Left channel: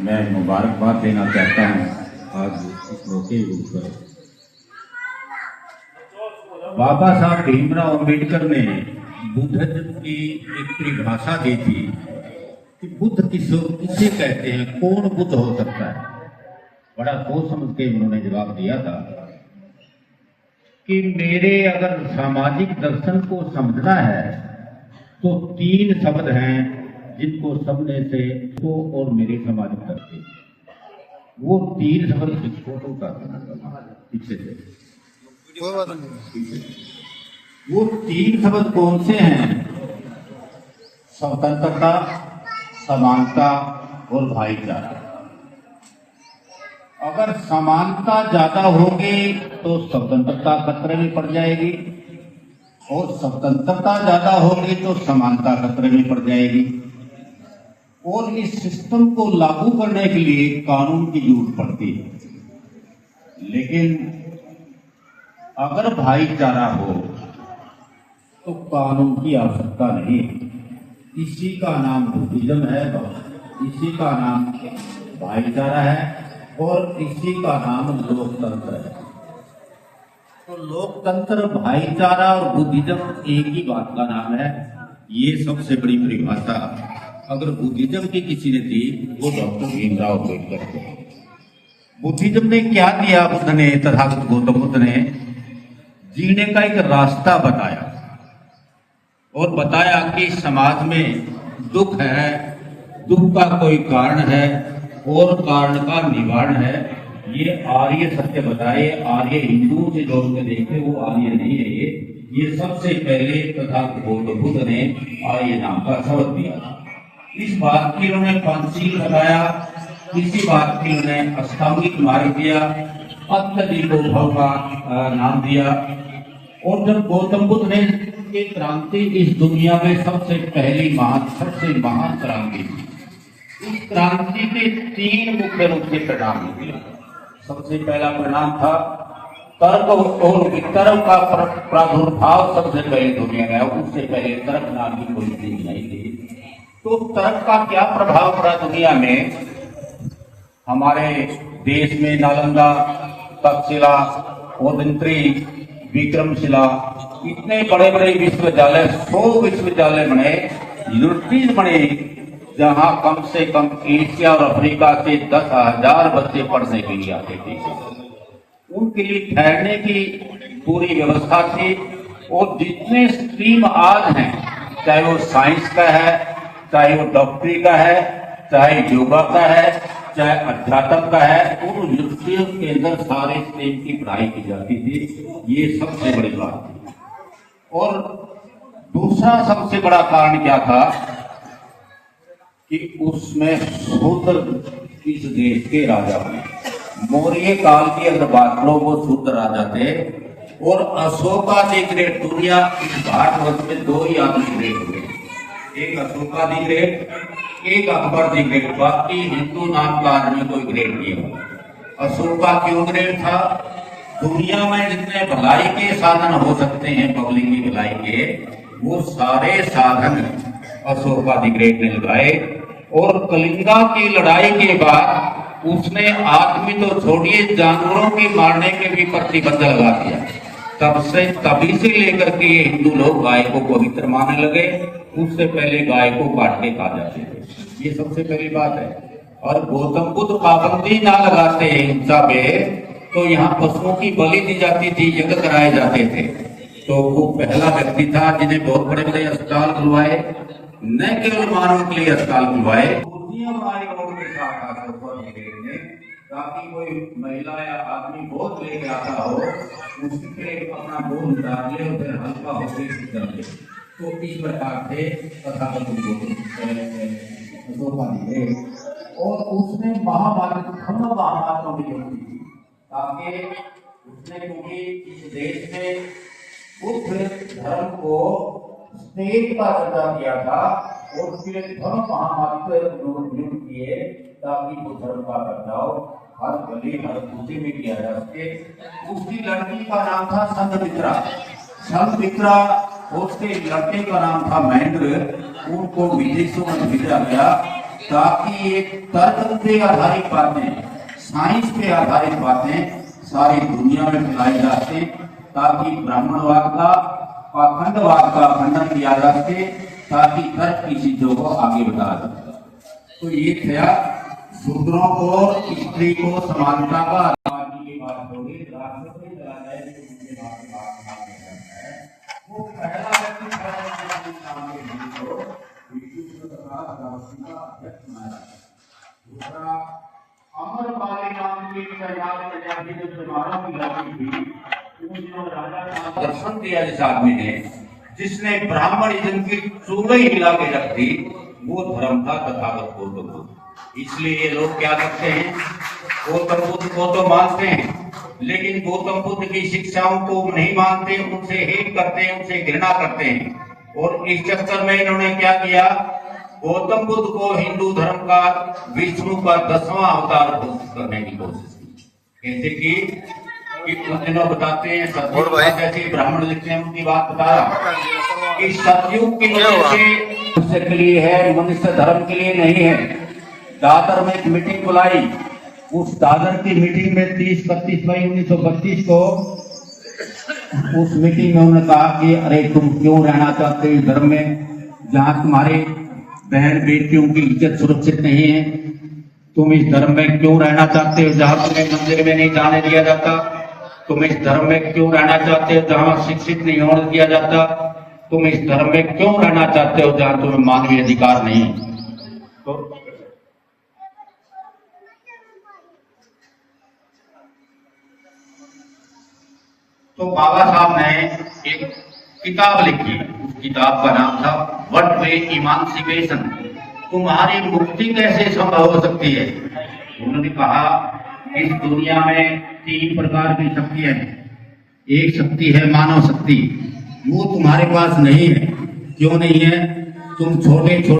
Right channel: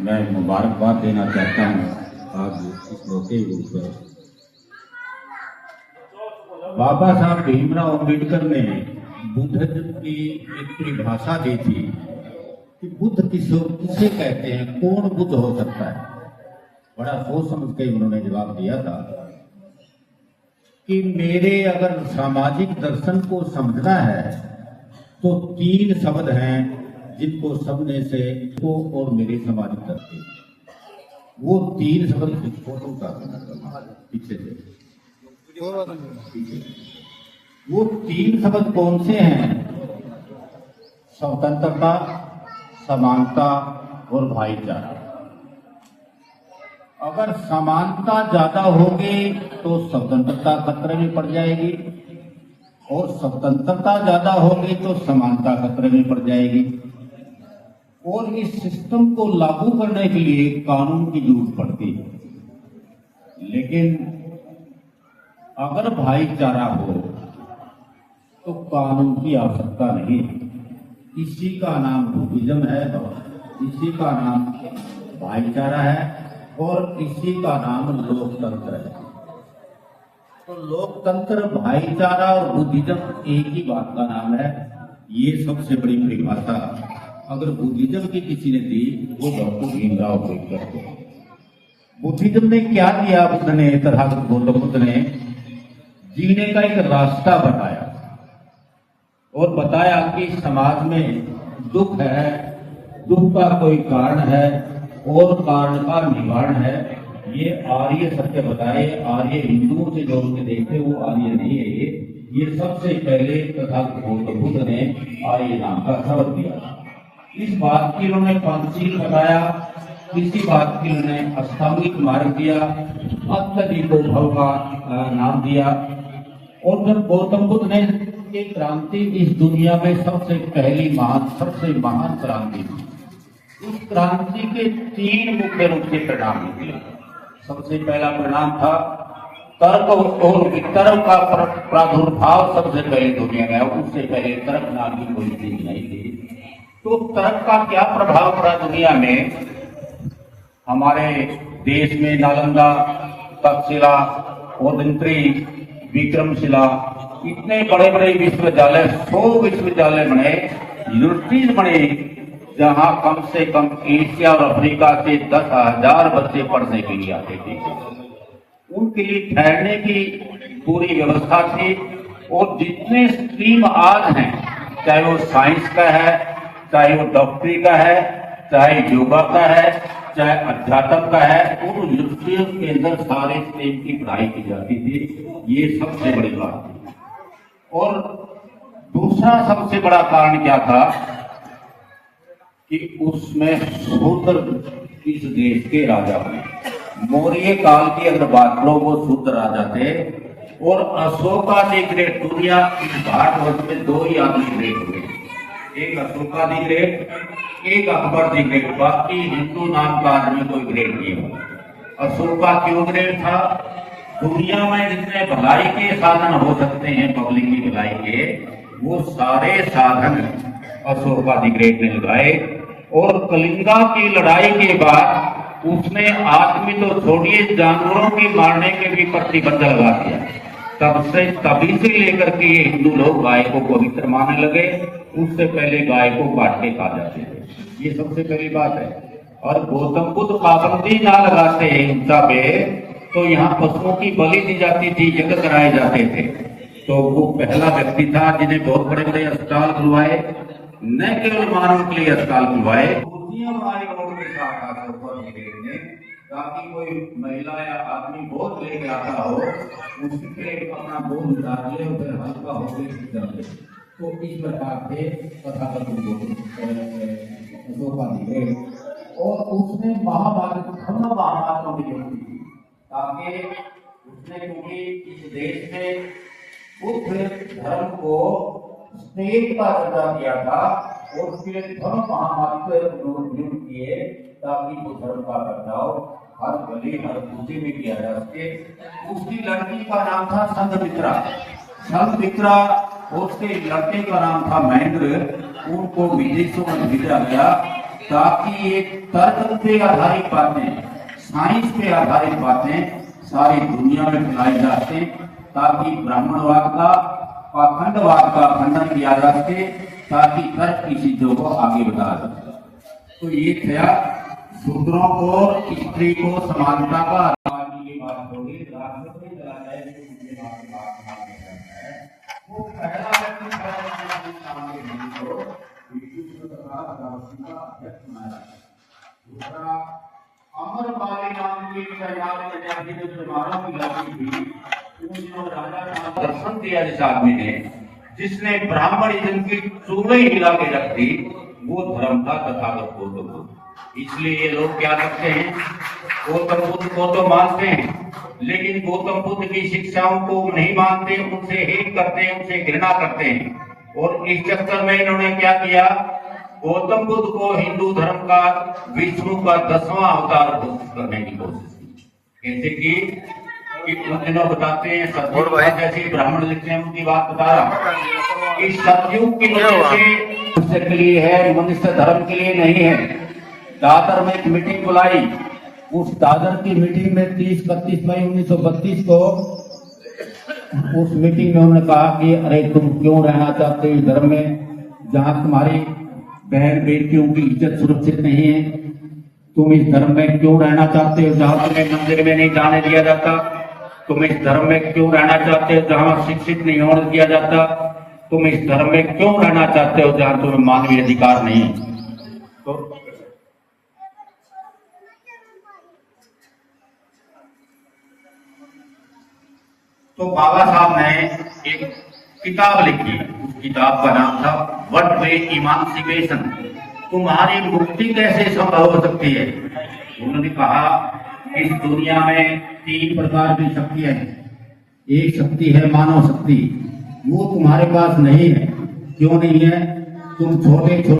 मैं मुबारकबाद देना चाहता हूँ आज इस मौके पर। बाबा साहब भीमराव अम्बेडकर ने बुद्धिज्म की एक परिभाषा दी थी कि बुद्ध किसे कहते हैं, कौन बुद्ध हो सकता है। बड़ा सोच समझ के उन्होंने जवाब दिया था कि मेरे अगर सामाजिक दर्शन को समझना है तो 3 शब्द हैं जिनको समझने से को और मेरे सामाजिक दर्शन, वो 3 शब्द फोटो का पीछे से, वो 3 शब्द कौन से हैं? स्वतंत्रता, समानता और भाईचारा। अगर समानता ज्यादा होगी तो स्वतंत्रता खतरे में पड़ जाएगी और स्वतंत्रता ज्यादा होगी तो समानता खतरे में पड़ जाएगी। और इस सिस्टम को लागू करने के लिए कानून की जरूरत पड़ती है। लेकिन अगर भाईचारा हो तो कानून की आवश्यकता नहीं। इसी का नाम बुद्धिज्म है, इसी का नाम भाईचारा है और इसी का नाम लोकतंत्र है। तो लोकतंत्र, भाईचारा और बुद्धिज्म एक ही बात का नाम है। ये सबसे बड़ी परिभाषा अगर बुद्धिज्म की किसी ने दी वो डॉक्टर भीमराव अम्बेडकर को। बुद्धिज्म ने क्या दिया? बुद्ध ने, तथागत गौतम बुद्ध ने जीने का एक रास्ता बताया और बताया कि समाज में दुख है, दुख का कोई कारण है और कारण का निवारण है। ये आर्य सत्य बताए। आर्य हिंदुओं से जोड़ के देखे, वो आर्य नहीं है। ये सबसे पहले तथागत गौतम बुद्ध ने आर्य नाम का शब्द दिया। इस बात की उन्होंने पंचशील बताया, इसी बात की उन्होंने अष्टांगिक मार्ग दिया, अत्यधिको भव का नाम दिया। और जब गौतम बुद्ध ने ये क्रांति इस दुनिया में सबसे महान क्रांति थी। इस क्रांति के 3 मुख्य रूप से परिणाम निकले। सबसे पहला परिणाम था तर्क और वितर्क का प्रादुर्भाव सबसे पहले दुनिया में। उससे पहले तर्क नाम की कोई चीज नहीं थी। तो तर्क का क्या प्रभाव पड़ा दुनिया में? हमारे देश में नालंदा, तक्षशिला, ओदंत्री, विक्रमशिला, इतने बड़े बड़े विश्वविद्यालय, 100 विश्वविद्यालय बने, यूनिवर्सिटीज बने, जहां कम से कम एशिया और अफ्रीका से 10,000 बच्चे पढ़ने के लिए आते थे। उनके लिए ठहरने की पूरी व्यवस्था थी। और जितने स्ट्रीम आज हैं, चाहे वो साइंस का है, चाहे वो डॉक्टरी का है, चाहे योगा का है, चाहे अध्यात्म का है, उन यूनिवर्सिटियों के अंदर सारे स्ट्रीम की पढ़ाई की जाती थी। ये सबसे बड़ी बात थी। और दूसरा सबसे बड़ा कारण क्या था कि उसमें शूद्र इस देश के राजा हुए। मौर्य काल की अगर बात करो, वो शूद्र राजा थे। और अशोकाधिग्रहित दुनिया भारतवर्ष में 2 ही आदमी ग्रेट हुए, एक अशोकाधिग्रहित, एक अकबराधिग्रहित। बाकी हिंदू नाम का आदमी कोई ग्रेट नहीं हुआ। अशोका क्यों ग्रेट था? दुनिया में जितने भलाई के साधन हो सकते हैं, पब्लिक की भलाई के, वो सारे साधन अशोकाधिग्रहित ने लगाए। और कलिंगा की लड़ाई के बाद उसने आदमी तो छोड़िए, जानवरों के मारने के भी प्रतिबंध लगा दिया। तभी से लेकर के ये हिंदू लोग गाय को पवित्र मानने लगे। उससे पहले गाय को काट के खा जाते थे। ये सबसे पहली बात है। और गौतम बुद्ध पाबंदी ना लगाते हिंसा पे, तो यहाँ पशुओं की बलि दी जाती थी, यज्ञ कराए जाते थे। तो वो पहला व्यक्ति था जिन्हें बहुत बड़े बड़े अस्पताल खुलवाए, न केवल मानव के लिए अस्पताल खुलवाए, कुर्सियां बनाई रोड के साथ ने, ताकि कोई महिला या आदमी बोझ लेके आता हो, उसके अपना बोझ डाल ले और फिर हल्का होकर चल ले। तो इस प्रकार से तथागत और उसने महाभारत की ताकि उसने, क्योंकि इस देश में बुद्ध धर्म को स्टेट का दर्जा दिया था और उसके लिए धर्म महामारी किए ताकि वो धर्म का बदलाव हर गली हर कूचे में किया जा सके। उसकी लड़की का नाम था संघमित्रा। संघमित्रा, उसके लड़के का नाम था महेंद्र। उनको विदेशों में भेजा गया ताकि ये तर्क पे आधारित बातें, साइंस पे आधारित बातें सारी दुनिया में फैलाई जा सके, ताकि ब्राह्मणवाद का पाखंडवाद का खंडन किया जा सके, ताकि तर्क की चीजों को आगे बढ़ाया जा सके। तो ये था शूद्रों को, स्त्री को समानता का अधिकार की बात होगी। राष्ट्रपति वो पहला व्यक्ति दूसरा अमरपाली नाम की दर्शन दिया जिस आदमी ने, जिसने ब्राह्मणिज्म की चूड़े हिला के रख दी, वो धर्म का तथागत गौतम बुद्ध। इसलिए ये लोग क्या करते हैं, गौतम बुद्ध को तो मानते हैं, लेकिन गौतम बुद्ध की शिक्षाओं को नहीं मानते, उनसे हेट करते हैं, उनसे घृणा करते हैं। और इस चक्कर में इन्होंने क्या किया, गौतम बुद्ध को हिंदू धर्म का विष्णु का 10वां अवतार घोषित करने की कोशिश की। जैसे कि लोग बताते हैं सतयुग, जैसे ब्राह्मण लिखते हैं उनकी बात बता रहा कि सतयुग के मनुष्य के लिए है, मनुष्य धर्म के लिए नहीं है। दादर में एक मीटिंग बुलाई, उस दादर की मीटिंग में 30-31 मई 1932 को उस मीटिंग में उन्होंने कहा कि अरे तुम क्यों रहना चाहते हो धर्म में जहां तुम्हारी बहन बेटियों की इज्जत सुरक्षित नहीं है, तुम इस धर्म में क्यों रहना चाहते हो जहां तुम्हें मंदिर में नहीं जाने दिया जाता, तुम इस धर्म में क्यों रहना चाहते हो जहां शिक्षित नहीं होने दिया जाता, तुम इस धर्म में क्यों रहना चाहते हो जहां तुम्हें मानवीय अधिकार नहीं। तो बाबा साहब ने एक किताब लिखी, उस किताब का नाम था व्हाट वे इमांसिपेशन, तुम्हारी मुक्ति कैसे संभव हो सकती है। उन्होंने कहा इस दुनिया में 3 प्रकार की शक्तियां हैं। एक शक्ति है मानव शक्ति, वो तुम्हारे पास नहीं है। क्यों नहीं है, तुम छोटे छोटे